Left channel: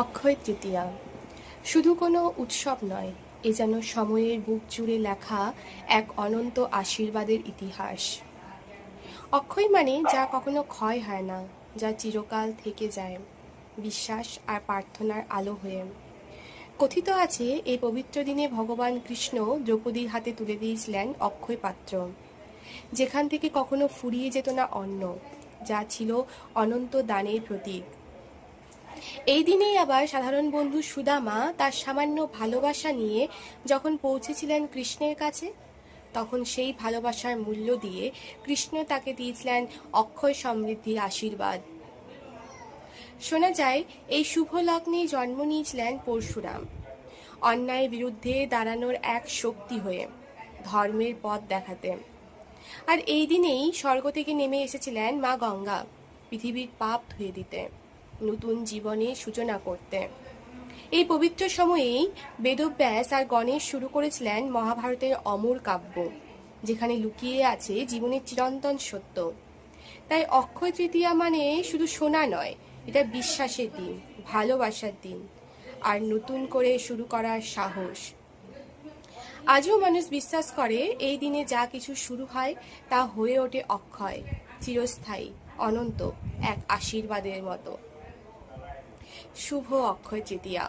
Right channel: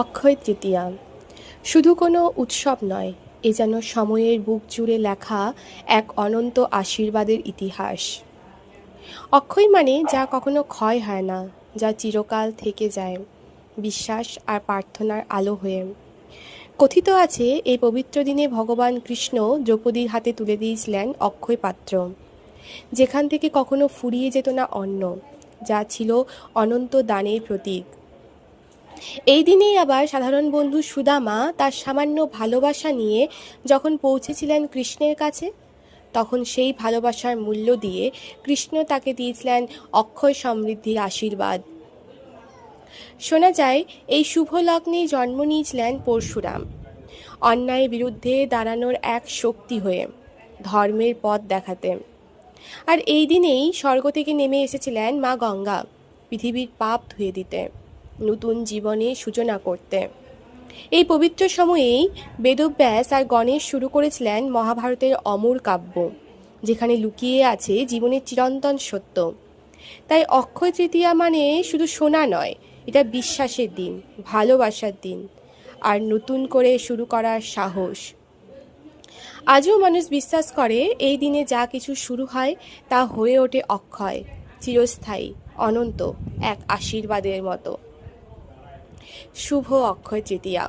অক্ষয় তৃতীয়া শুধু কোনো উৎসব নয়, এ যেন সময়ের বুক জুড়ে লেখা এক অনন্ত আশীর্বাদের ইতিহাস। অক্ষয় মানে যা কখনো ক্ষয় হয় না, যা চিরকাল থেকে যায় বিশ্বাস আর প্রার্থনার আলো হয়ে। কথিত আছে এই পবিত্র দিনে ভগবান কৃষ্ণ দ্রৌপদীর হাতে তুলে দিয়েছিলেন অক্ষয় পাত্র, যেখান থেকে কখনো ফুরিয়ে যেত না অন্ন, যা ছিল অনন্ত দানের প্রতীক। এই দিনেই আবার সাধারণ বন্ধু সুদামা তার সামান্য ভালোবাসা নিয়ে যখন পৌঁছেছিলেন কৃষ্ণের কাছে, তখন সেই ভালোবাসার মূল্য দিয়ে কৃষ্ণ তাকে দিয়েছিলেন অক্ষয় সমৃদ্ধির আশীর্বাদ। শোনা যায় এই শুভ লগ্নেই জন্ম নিয়েছিলেন পরশুরাম, অন্যায়ের বিরুদ্ধে দাঁড়ানোর এক শক্তি হয়ে, ধর্মের পথ দেখাতে। আর এই দিনেই স্বর্গ থেকে নেমে এসেছিলেন মা গঙ্গা, পৃথিবীর পাপ ধুয়ে দিতে, নতুন জীবনে সূচনা করতে। এই পবিত্র সময়েই বেদব্যাস আর গণেশ শুরু করেছিলেন মহাভারতের অমর কাব্য, যেখানে লুকিয়ে আছে জীবনের চিরন্তন সত্য। তাই অক্ষয় তৃতীয়া মানে শুধু শোনা নয়, এটা বিশ্বাসের দিন, ভালোবাসার দিন, আর নতুন করে শুরু করার সাহস। আজও মানুষ বিশ্বাস করে এই দিনে যা কিছু শুরু হয় তা হয়ে ওঠে অক্ষয়, চিরস্থায়ী, অনন্ত এক আশীর্বাদের মতো। শুভ অক্ষয় তৃতীয়া।